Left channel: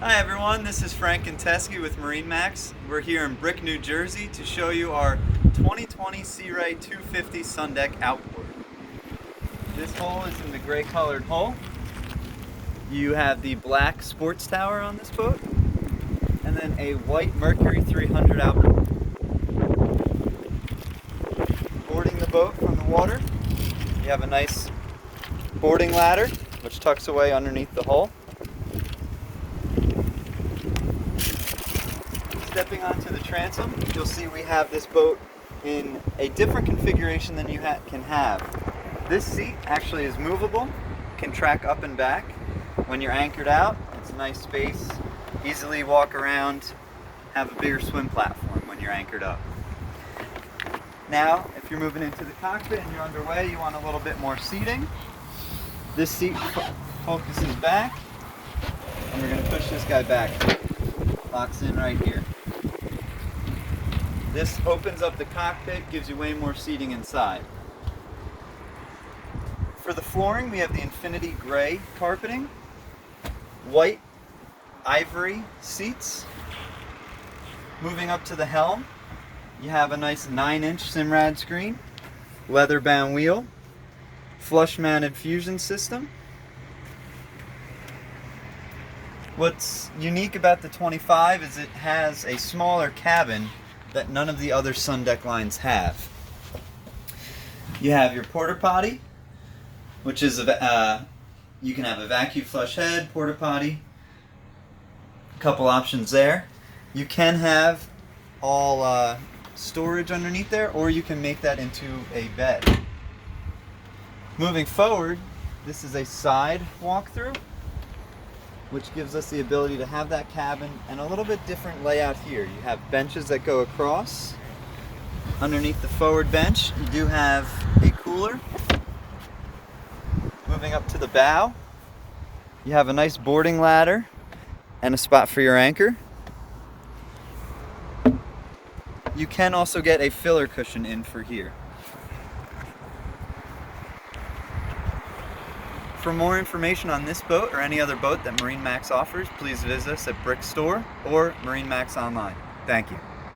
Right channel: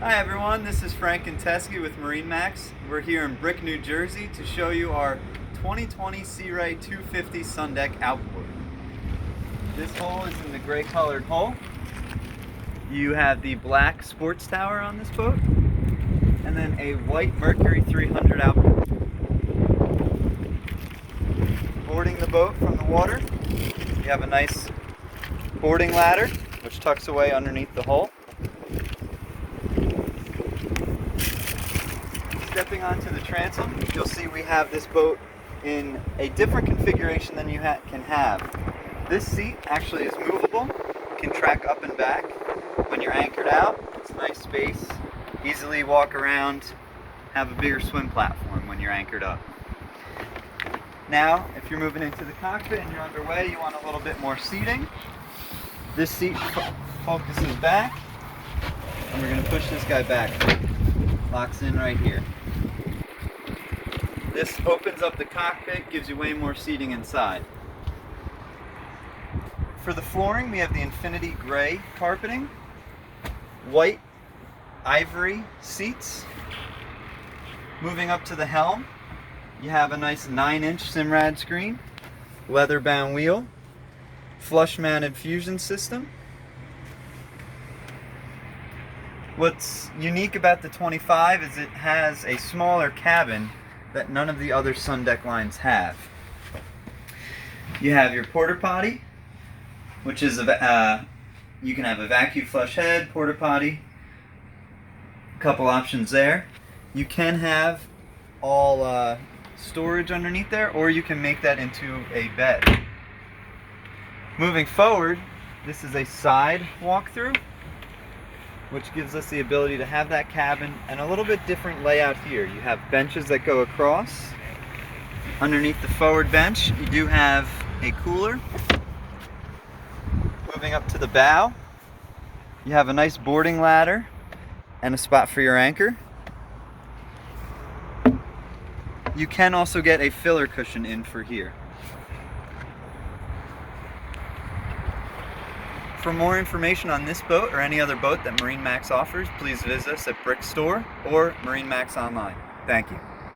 Hi everyone, this is Frank and Teskey with MarineMax. We're here in Brick, New Jersey to show you our 2020 Sea Ray 250 Sun Deck outboard. This hull is in the gray colored hull. You have the black sports tower on this boat, and then a white Mercury 300 outboard. Boarding the boat from the water, you have a nice boarding ladder which tucks away underneath the hull. Stepping onto the transom, you'll see we have this boat in a different configuration than you can have. This seat actually is movable, can track up and back when you're anchored out. It's a nice space, easily walk around, have a bigger swim platform when you're anchored up. Now, if you're moving into the cockpit and you're underway, you want a little bit more seating. This seat focuses back, and you're going to push this guy back. Locks in right here. This opens up the cockpit, gives you way more seating inside. For the flooring, we have the Infinity Gray carpeting, white ivory seats. Moving up to the helm, you have a nice 9-inch Simrad screen, leather bound wheel, flush mounted fusion system. What's unique about the 25 is it has a smaller cabin that none of the other Sun Deck lines have. You have your porta potty, which is you can have a vacuum flush head, porta potty, a couple options there. You can have all storage underneath there, or you can make that into a bed. Moving forward, this is a side walkthrough, which gives us the ability to have that cabin and a little bit different layout here. You have benches that go across. Underneath the forward bench, you do have a cooler. Moving up to the bow, you have a nice boarding ladder and a spot for your anchor. You can also get a filler cushion in for here. For more information on this boat or any other boat that MarineMax offers, please visit us at Brick Store or MarineMax online. Thank you.